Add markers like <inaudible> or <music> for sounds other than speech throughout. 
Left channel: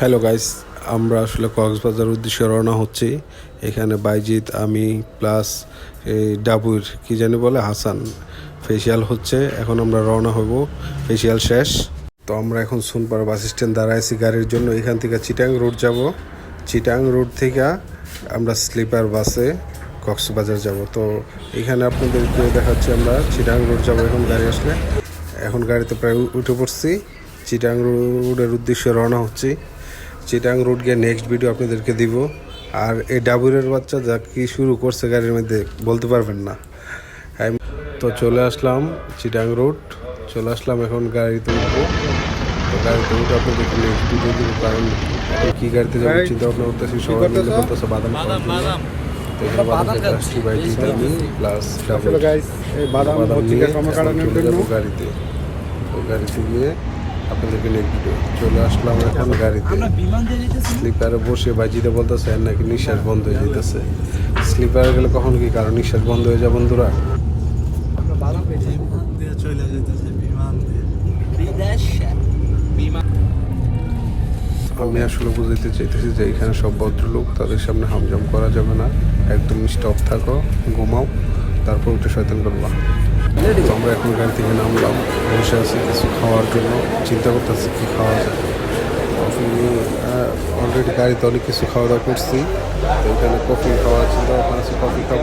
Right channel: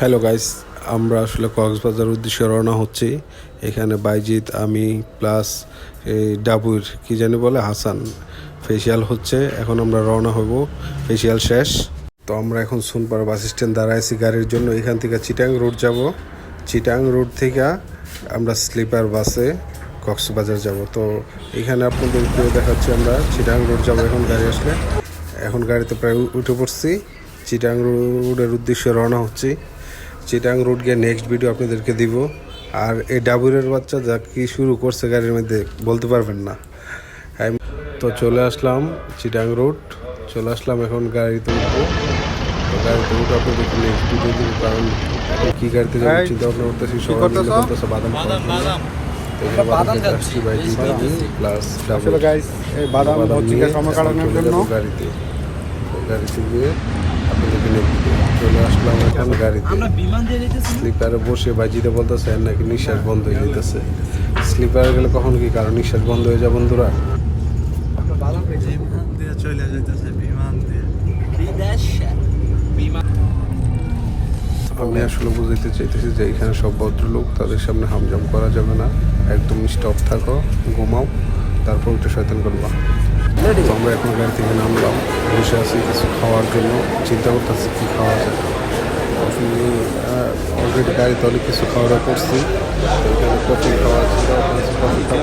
Hello guys আমরা আসলে কক্সবাজার উদ্দেশ্যে রওনা হচ্ছি। এখানে বাইজিৎ, আমি প্লাস এই ডাবুর, কি জানি বলে, হাসান। ফেসিয়াল হচ্ছে। এখন আমরা রওনা হব। ফেসিয়াল শেষ। তো আমরা এখন সুনপাড়া বাস স্ট্যান্ড দাঁড়ায় আছি গাড়ির জন্য। এখান থেকে চিটাং রোড যাব। চিটাং রোড থেকে আমরা স্লিপার বাসে কক্সবাজার যাব। তো এখানে আপনাদেরকে দেখাচ্ছি আমরা চিটাং রোড যাব এখন গাড়ি আসলে। এখন গাড়িতে প্রায় উঠে পড়ছি। চিটাং রোডের উদ্দেশ্যে রওনা হচ্ছি। চিটাং রোড গিয়ে নেক্সট ভিডিও আপনাদেরকে দিব। আর এই ডাবুরের বাচ্চা যা কি শুরু করছে গাড়ির মধ্যে বলতে পারবেন না। আমি- তো চলে আসলাম চিটাং রোড চলে আসলাম এখন গাড়িতে উঠবো। তো গাড়িতে উঠে আপনাদেরকে নেক্সট ভিডিও দিব কারণ এখন কি গাড়িতে যাব চিন্তা ভাবনা করতেছি সবাই মিলে বলতেছে বাদাম খাওয়ার জন্য। এখানে বাদাম খেতে আসছি বাইজি আমি প্লাস ডাবল বাদাম নিয়ে এখন চলে যাব গাড়িতে। তো গাড়িতে গিয়ে আপনাদেরকে নেক্সট চলে আসলাম এখন গাড়িতে। স্লিপারে বসে বাজিতে বলতেছে আর নাকি নিঃশ্বাস বন্ধ হয়ে যেতেছে স্লিপারে গেলে কখন কি কারণ নিঃশ্বাস বন্ধ হয়ে যায় বন্ধুরা? আমি আসলে বুঝাইতে চাইতেছি যে এখানে সব ভদ্রলোক তাদের সামনে হামজাম করা যাবে না। একদম স্টপ থাকো ঘুমাও তারপর উঠে শয়তান করবা। তো আমরা এখন গাড়ি থেকে নামলাম, বসে আছি কিছু খাওয়ার জন্য। চিন্তা করতেছি কি খাওয়া যায়। কফি অলরেডি গাড়িতে অনেক কিছু খাওয়া দাওয়া করছি। তো এখানে কফি খাওয়ার চিন্তা ভাবনা আছে, কফি খাব।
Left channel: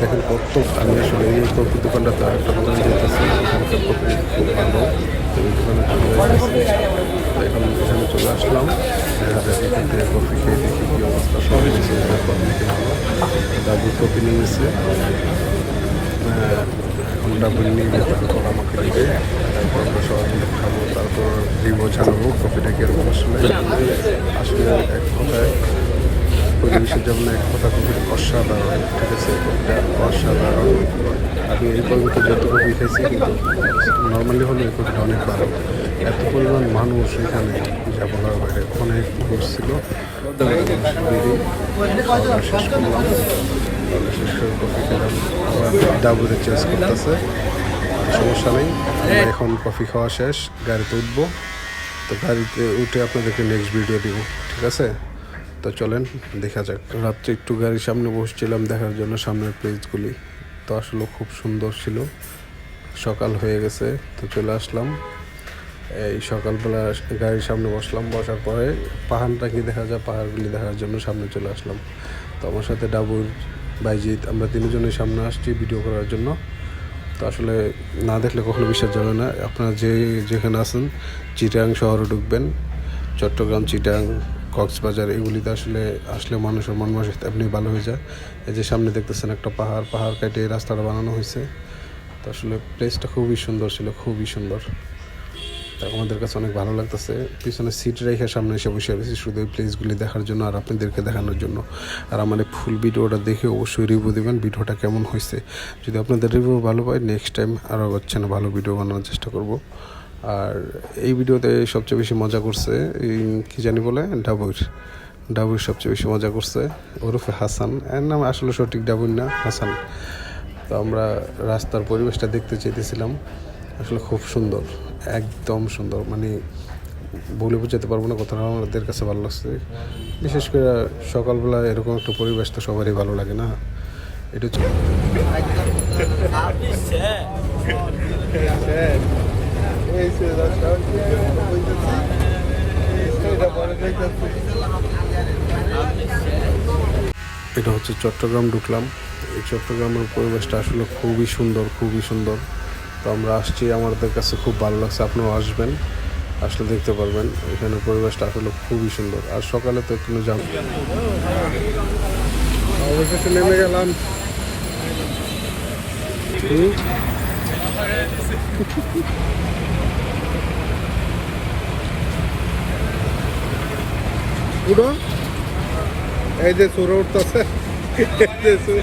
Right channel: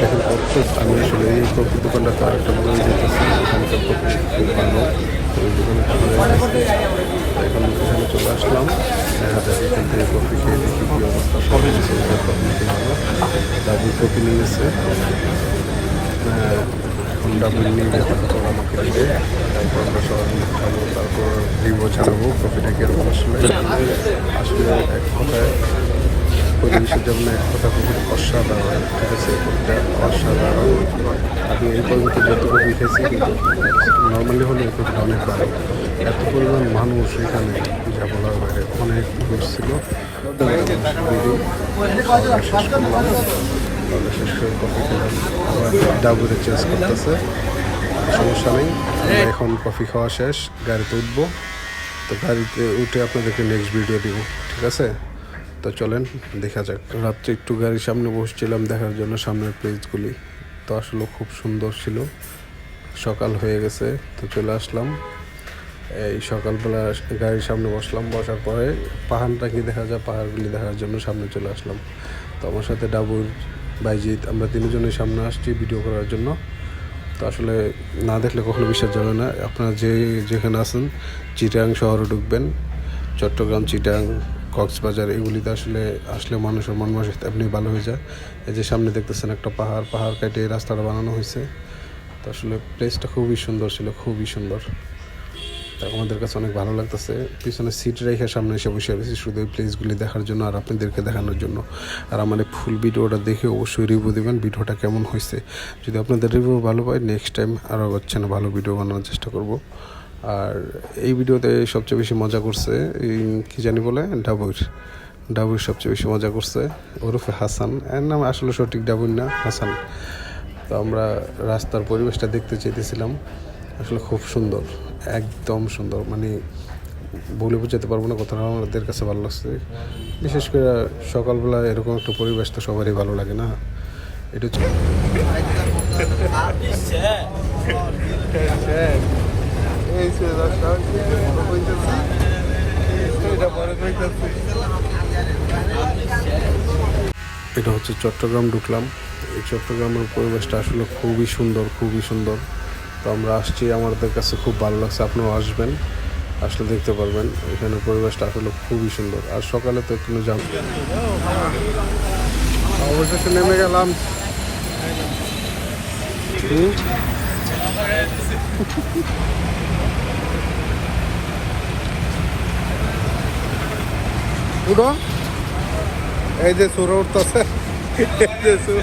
দেখেন কত আমি আসলে এই কফি দোকানটা তো আরেকটা দোকানে যেতেছি। এখানকার কফি খুব ভালো। তো ওই দোকানে চলে যাইতেছি। এখন এখানে চলে আসলাম। দেখা যাক এখান থেকে কফি খেয়ে দেখি কি অবস্থা। সবাই কিছু কফি নাকি ভালো? ডাবল কফি নিয়ে গেছে। এখন ডাবল নিয়ে গিয়ে তারপর আমাকে দিবে। তারপর আমরা সবাই মিলে খাব, তারপর রিভিউ জানাব কফিটা কীরকম আসলে। আসলে এক কথায় পরিবেশের যেমন এক কথা কফিটা অসাধারণ, ঠিক আছে? কফিটা অসাধারণ। আমি এই পর্যন্ত যত কফি খাইছি কিন্তু নর্মালি হলে এই কফিটা অনেক ভালো। এত পরিমাণ মানুষ এখানে যা বলার বাইরে অনেক মানুষ ছিল। শেষ শেষ করে কফি খেলাম। আবার ডাবুরে করতেছে। সমস্যা নেই। আমরা এখন কফি খাওয়া শেষ। গাড়িতে উঠবো। তো গাড়িতে উঠে আপনাদেরকে নেক্সট ভিডিও দিব। ঠিক আছে? তো চলেন, দেখা যাক। রাত্রে একটু গাড়ির সামনে বসছিলাম। দেখার জন্য সামনের প্লেসগুলি তো আসলে খুব সুন্দর ছিল। সকাল হয়ে গেছে, তো চলে আসলাম। এই সকালবেলা গাড়ির সামনে বসলাম, বসার পরে পাহাড়টা কি দেখা যায়, পাহাড়গুলি দেখার জন্য সামনে চলে আসলাম। তো আমার সাথে ডাবুর বাইজিৎ, আমরা তিনজনের সামনে আসছি ভিডিও করার জন্য। তো আসলে না দেখলে কখনো বিশ্বাস যাবে না। আপনারা যে যেখানে আছেন, চিটাং শহরে ঢুকবেন। চট্টগ্রাম, চিটাং, কক্সবাজার, এগুলিতে আসলে আসলে মানুষের মন মানসিক এমনি ভালো হয়ে যায়। এই যে সামনে দেখতেছেন একটা পাহাড় পাহাড় কেটে রাস্তাটা বানানো হয়েছে। তো আসলে প্লেসটা খুবই সুন্দর ছিল, খুবই সুন্দর। তা আমাদের কাছে অনেক ভালো লাগতেছে। পিছনে সিট রেখে সামনে এসে বসে রয়েছি শুধু এই প্লেসগুলি দেখার জন্য আর আপনাদেরকে দেখানোর জন্য। আর আমার ফুল ভিডিওটা দেখে অবশ্যই রিভিউ দেবেন ভিডিওটা কেমন হয়েছে। যদি আপনাদের রিভিউ ভালো পায় নেক্সট টাইম আরও হচ্ছে না ভালো ভিডিও বানানোর চেষ্টা করব। আর এই ভিডিওতে সবচেয়ে বেশি মজা করছে কী জানি বলে? ডাবুর। ডাবুর সবচেয়ে বেশি মজা করছে। ওরফে হাসান। এর নাম আসলে সঠিক ডাবুর না, হাসান। তো আমরা রাস্তার পরিবেশটা দেখতে চেয়েছিলাম আসলে খুব সুন্দর, একদম সুন্দর। মানে বলে বোঝাতে পারব না কথাটা, আমাদের কাছে ভালো লাগছে। বিশেষ করে সকালবেলা এরকম একটা পরিবেশ তো সবারই ভালো লাগে না। এটা এটা হচ্ছে চট্টগ্রাম ঢুকলাম। এই চট্টগ্রামের পরিবেশটা আসলে খুবই সুন্দর খুবই সুন্দর। তো আমরা আসছি, আমাদের কাছে খুব ভালো লাগছে, আপনিও আসবেন, আসলে দেখতে পারবেন। এখানে পরিবেশটা আসলে খুবই সুন্দর। আর সকালে তো একটু অবশেষে নেমে গেলাম। এই যে সুর উঠতেছে। এই যে সুর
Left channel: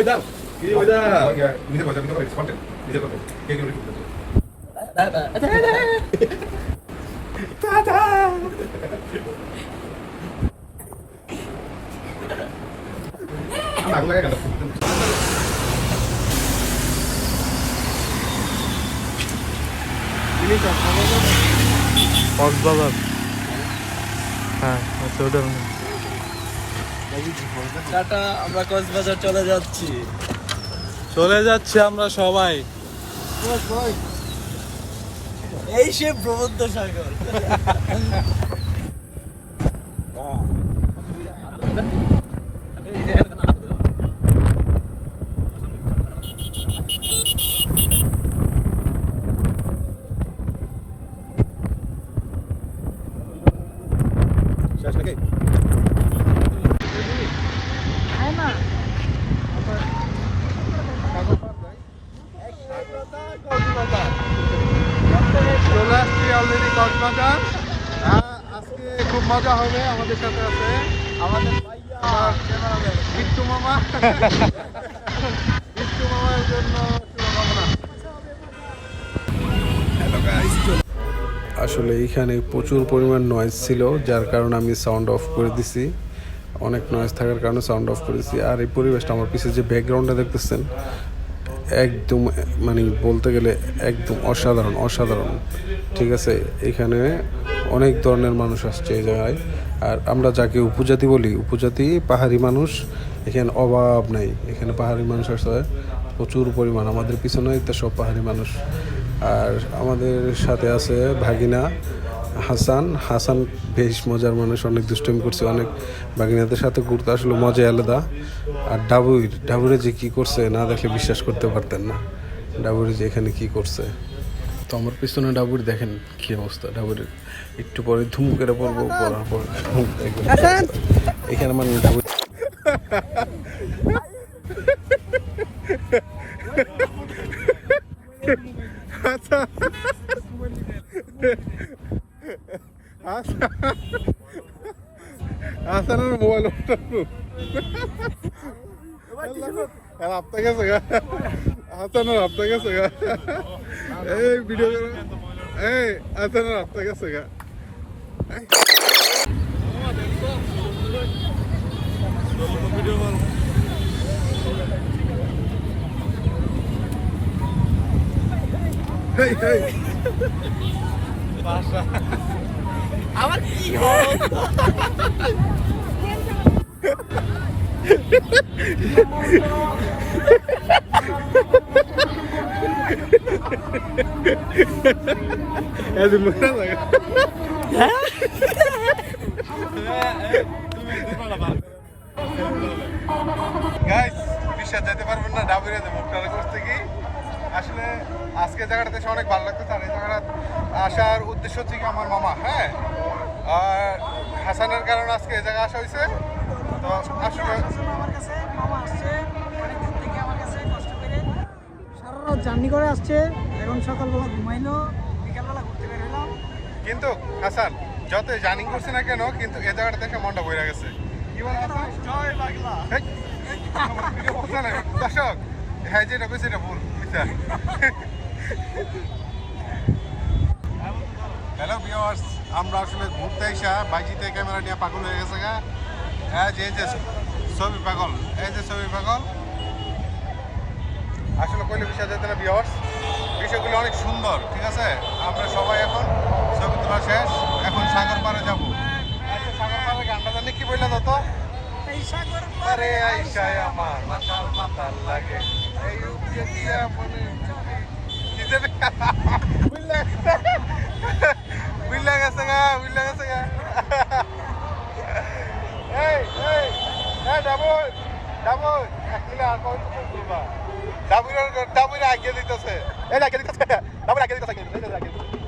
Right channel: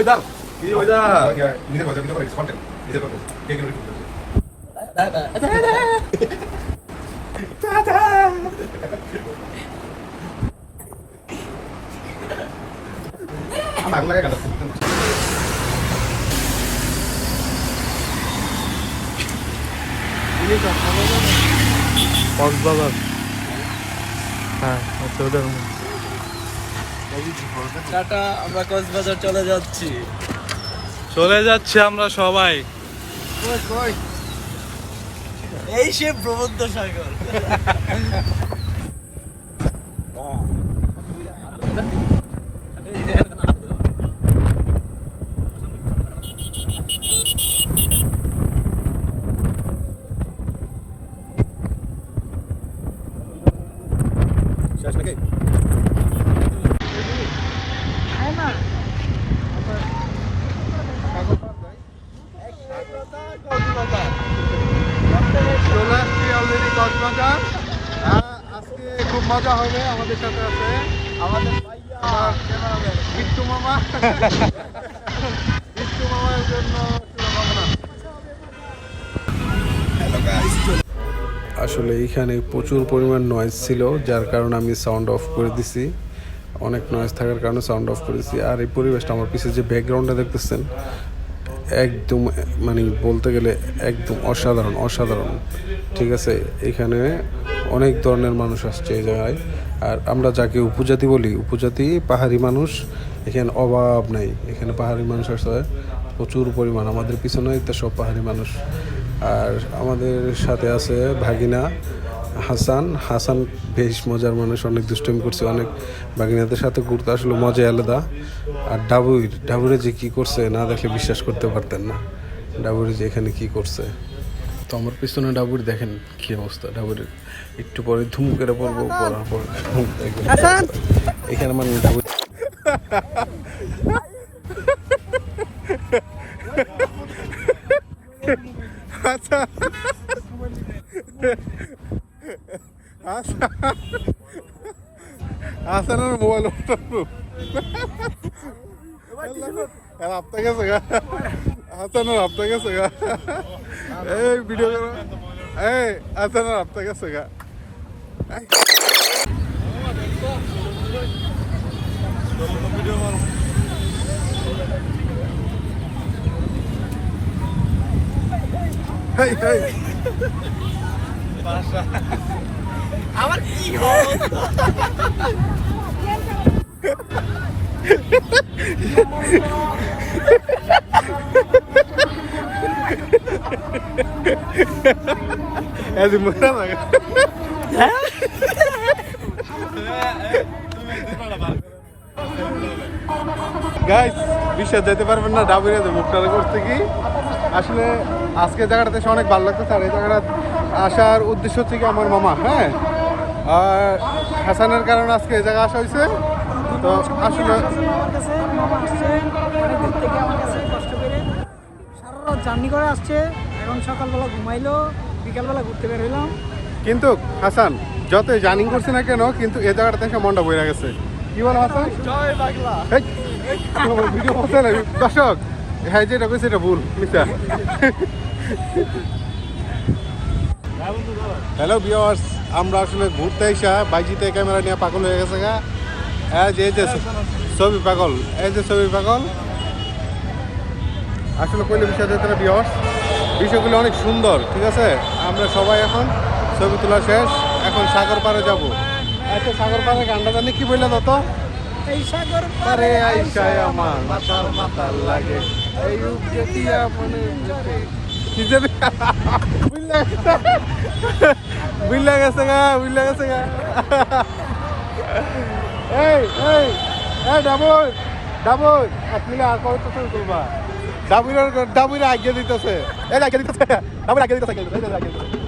koydar. Video koydar. Ya bize koydar, bize koydar. Konten. Bize koydar. Gel gel. Tata. Ama aku lagi kalau Thank you. আমরা কক্সবাজার চলে যাচ্ছি। চলে যাচ্ছি আমরা সবাই। এই সে প্রবন্ধ সাগর <laughs> শেষ নাকি চলে আসছি অলরেডি কক্সবাজার আজকে খুব মজা হবে আমাদের সাথে আছে আমাদের বিট্টু মামা। বিট্টু মামার জন্য আসলে এইখানে প্রচুর পরিমাণ নয়েজ ছিল, যার কারণে আমি সাউন্ড অফ করে দিছি। অনেক নয়েজ থাকার কারণে সাউন্ড অফ করেছি। আর এই পরিবেশটা আমার পিছিয়ে যে ব্যাকগ্রাউন্ডটা দেখতেছেন একদম মানে বলতে গেলে একদম অসাধারণ অসাধারণ। ঠিক আছে? এখানে অনেক ধরনের মানুষ আসছে এই জায়গায়। আর আমরা যাকে উপজাতি বলি, উপজাতি পাহাড়ি মানুষ, এখানে অভাব নাই। এখানে পাহাড়ি মানুষ আসছে প্রচুর পরিমাণ। আমাদের পিছনে সব পাহাড়ি মানুষ। আর আমাদের সাথে আছে ভাগিনা। হাসান। হাসান বেশ মজার মানুষ অনেক দুষ্টমি করছে অনেক ভাগিনাদের সাথে ঘুরতে আসলে মজা আলাদা। আর ডাবুর ডাবুরে যে কি করছে না দেখলে বিশ্বাস করতে পারতেন না। ডাবুরে যে এখানে কি করছে। তো আমার পিছনে ডাবুর দেখেন কি অবস্থা। ডাবুরের একটু পরে ধুম করে পড়ব পড়ার পর। এখানে মানে ডাবুর <laughs> হাসানের মোবাইল আপতা গেছে গা। হাসানের আপতা গেছে গা। এই ভিডিও এই হাসানের আপতা গেছে গা। মোটা লাগে গাইস বিশ্বাস যেতে পারবেন না ডাবুরিয়া মুখটা করতে কি আসলে আজকে জায়গাটাতে এসে অনেক ভালো লাগতেছে আর এই জায়গাটা আসার উদ্দেশ্য হচ্ছে কি আমার মামা হ্যাঁ? আর হাসানের কারণে আজকে এই জায়গায় আসা হয়েছে। তো আসলে আমার কাছে মামা আসছে অনেকদিন থেকে আমার কাছে কষ্ট করে সারা রাত জার্নি করে আসছে এখন সকালবেলা ঘুমাইলো বিকালবেলা ঘুরতে বের হইলাম। কিন্তু হাসান যতই জার্নিং করছে না কেন কিন্তু এই জায়গাটা থেকে মনটা বইরা গেছে। কি বলো হাসান? জয় বাংলা। ভিডিও করছে না দর্শক। হ্যাঁ যেটা কইছে এটা ভুল মিথ্যা হ্যালো ভিউয়ার্স আমরা আসলে ঘুরতে আইসা, বাইজিতে ক্যামেরা নিয়ে পাগল হয়ে গেছে গা। এই যে এই যে, ছবি পাগল, এই যে ছবি পাগল। আসলে কইলে বিষয় যেতে না ভিউয়ার্স বিষয়গুলো অনেক সুন্দর, ঠিক আছে? আমরা সবাই এখন ছবি তোলা শেষ, এখন সাগর পাড়ে যাব। আচ্ছা সাগর পাড়ে গানটা জানি কি বললে তো? এই সাগর আরে আইসায় আমার মাতাল মাতাল লাগে। এই রূপ মনে বুঝলা গেছে। গা বুঝলা গেছে গা। এই এই এক মিলে আর কত তুমি করবা ডাবুরের ডাবুরে আগে দিতেছে। এই আগে দিতেছে। ডাবুর আগে দিতেছে আগে দিতেছে।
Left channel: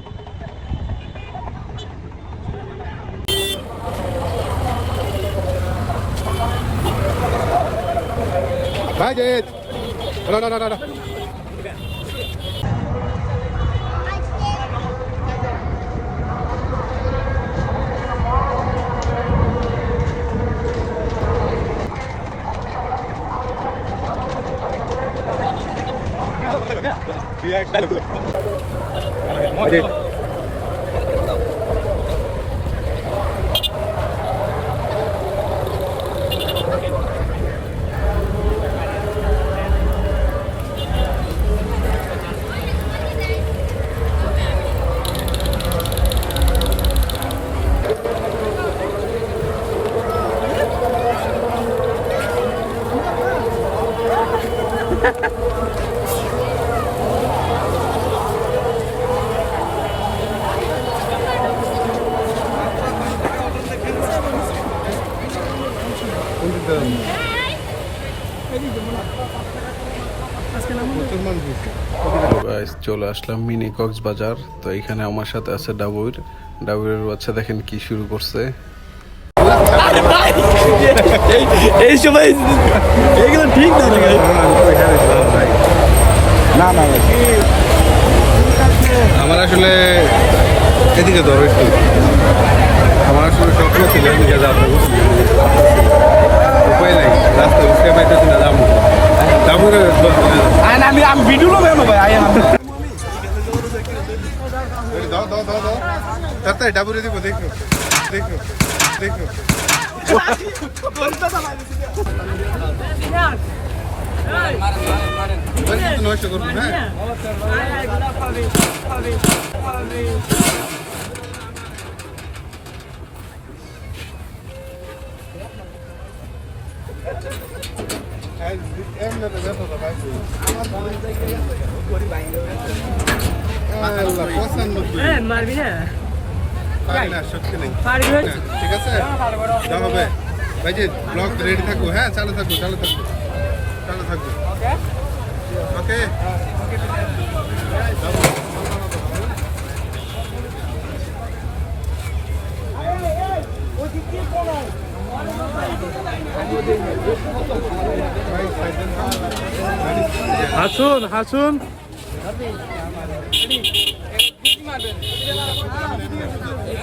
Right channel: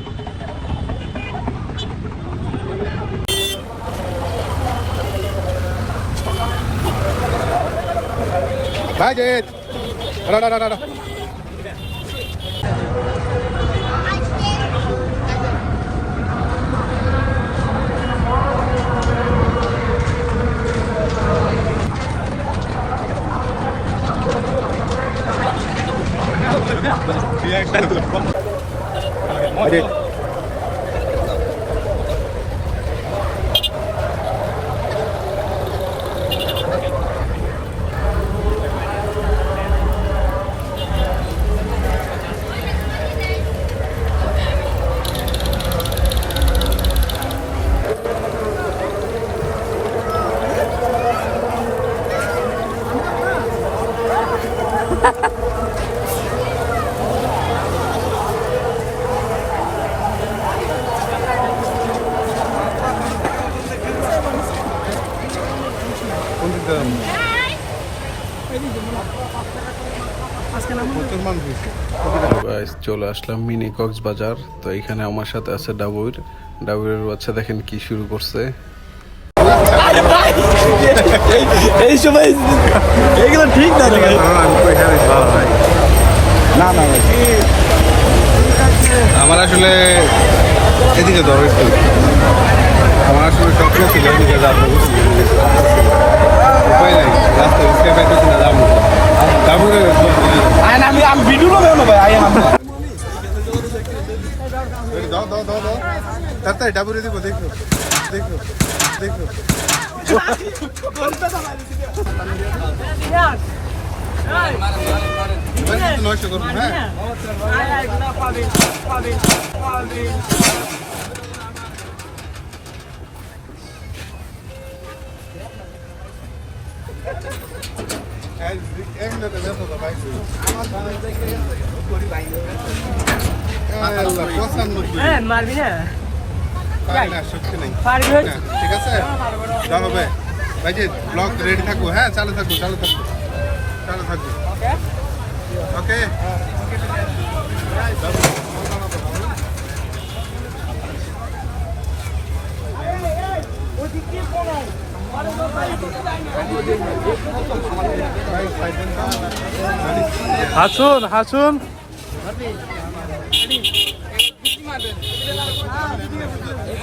Maggie. No, no, no, no. চলে আসলাম মিনি কক্সবাজার। তো এখানে আমার সাথে আছে ডাবুর। ডাবুরের বাচ্চা দেখেন কি শুরু করছে। এই সময় এগুলো ঠিক না রে ভাই। আমার আসলে এদিকে ধরো একটু আমার আসলে স্বপ্ন ছিল এদিকে যাব উপায় নাই রাস্তায় উঠতে পাইতেছি না যাব ডাবুরে আমি আমি ভিডিও করব না ভাই আই আমি দাও দাও দাও দাও তাতে ডাবুরে দিব দেখো দেখো দেখো। এবার হ্যাঁ? হ্যাঁ মারবি না ঠিক আছে? যা হবে ভাই যে ব্লগ রেডি থাকব হ্যাঁ চালু থাকব চালু থাকব চালু থাকব ওকে হাসুন হাসুন।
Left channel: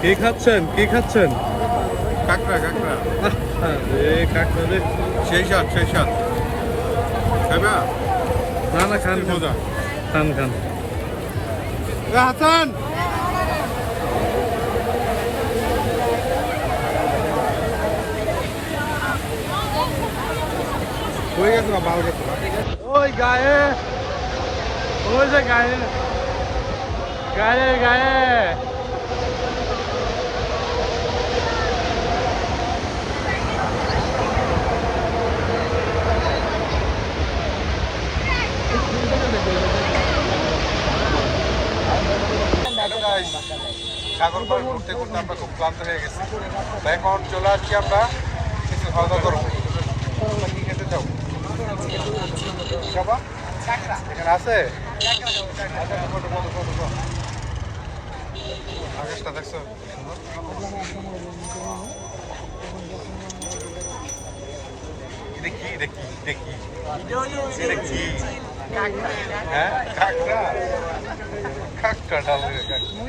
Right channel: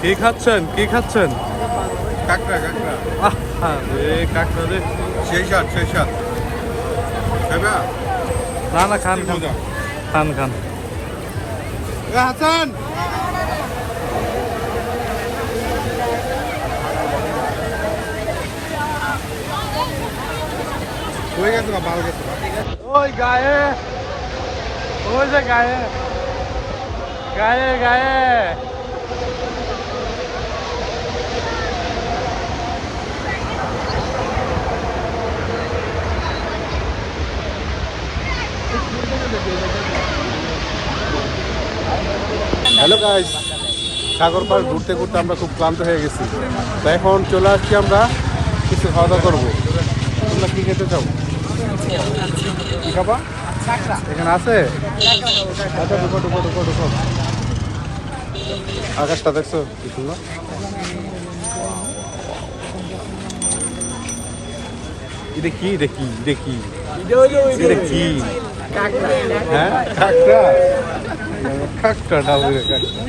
কি খাচ্ছেন? কি খাচ্ছেন? কাকড়া কাকড়া। রে রে। সেই সাত সেই সাত না না খান খান। খান হাসান! ওই গায়ে ওই যে গায়ে। গায়ে গায়ে। হ্যালো গাইস সাগর পাড় ঘুরতে ঘুরতে আমরা খুব ক্লান্ত হয়ে গেছি। তো এখন চলে আসছি আমরা কিছু খাওয়া দাওয়া করব। তোমরা কি খেতে চাও? এখানে আছে। আকাশটা দেখছ? কি সুন্দর? দেখি দেখি দেখি এটা হ্যাঁ? কাকড়া? কাকড়া ডাবুরে কাকড়া।